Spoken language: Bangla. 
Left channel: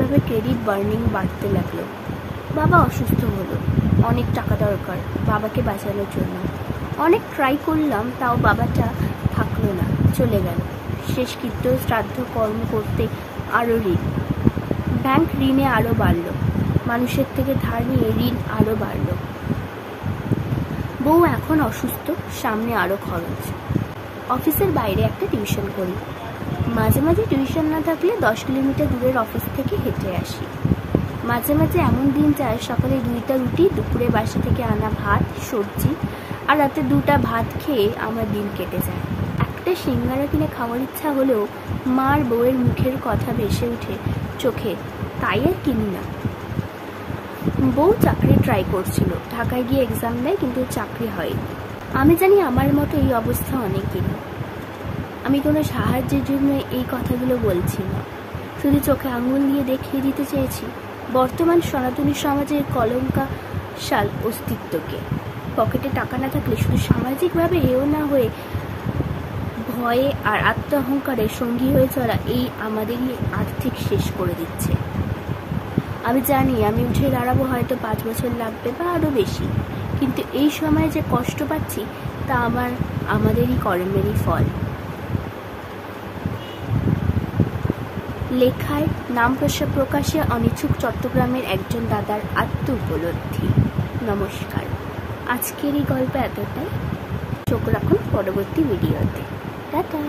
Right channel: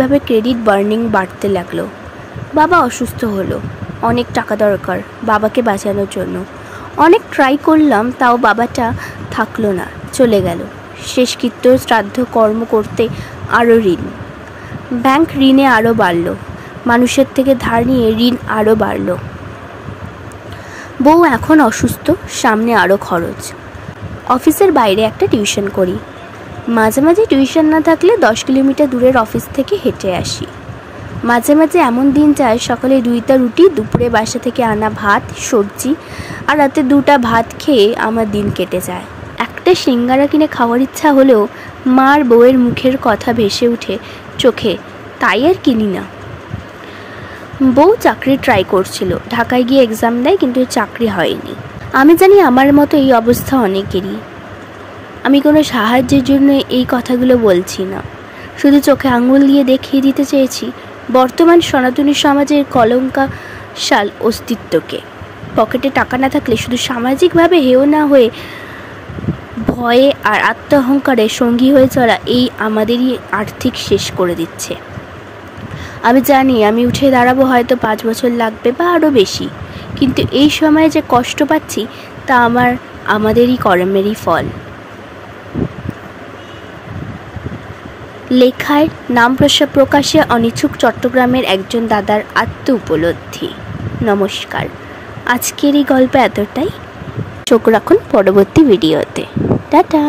এভাবে ক্রেডিট বার্নিং বাড়তে লাগলো। বাবা অসুস্থ হলো, অনেক টাকা দরকার বাবাকে বাঁচানোর জন্য। অনেক ট্রাই করলাম, তাও বাবাটা থাকলো না, চলে গেল। শেষকৃত্য শ্রাদ্ধ কর্ম করতে আরও ঋণ, ব্যাংক ঋণে আরও বাড়ল, মানুষের থেকে ধার নিয়ে ঋণ আরও বাড়ল। বউ এখন অসুস্থ, সামনে আরও খরচ। অফিসের বাইরে একটা টিউশন করি, মাঝে মাঝে টিউশন না থাকলে 10 কিলোমিটার দূরের অফিস থেকে হেঁটে আসি। মাঝে মাঝে এমন দিন যায় সকালে 2টা রুটি, দুপুরে বাসা থেকে আনা ভাত সবজি, আর রাতে 2টা ভাত খেয়ে আমার দিন কেটে যায়। একটা সিঙ্গারা কিনে খাওয়ার ইচ্ছা হলেও মার বউয়ের মুখের কথা ভেসে উঠে চোখে, তাই আর কিনি না। বউ চাকরি ট্রাই করছিল, ঢাকায় গিয়ে এক্সাম দেয়, কিন্তু চাকরি হয়নি। আমি জানি আমার মতো এই অবস্থা অনেকেরই। আমি কোনো সাহায্যের জন্য এই কথাগুলো বলছি না, শুধু চোখে আঙুল দিয়ে দেখিয়ে দিতে চেয়েছি বর্তমান সনাতনী সমাজের কলঙ্কাশাল অস্তিত্বকে। পকেটে টাকা না থাকলে শুধু সামাজিকভাবে হেয় না হয়ে ভয়ে আর আত্মঅহংকারে সঙ্গী হয়ে চলা এই আমাদেরই আর্থিক শেষ করে দিচ্ছে। আমি জানি আমি উঠে দাঁড়াবো হয়তো 5 বছর লাগবে বা আরও বেশি, কিন্তু এই সময়ে যে কষ্ট পাচ্ছি তা আমাদেরই কর্মেরই ফল। লেখায় নাম প্রকাশে অনিচ্ছুক চট্টগ্রামের একজন দাদার আত্ম উপলব্ধি। নমস্কার, আজকের এই গল্প এতটাই। চোখ রাখুন পরবর্তী ভিডিওতে। টাটা।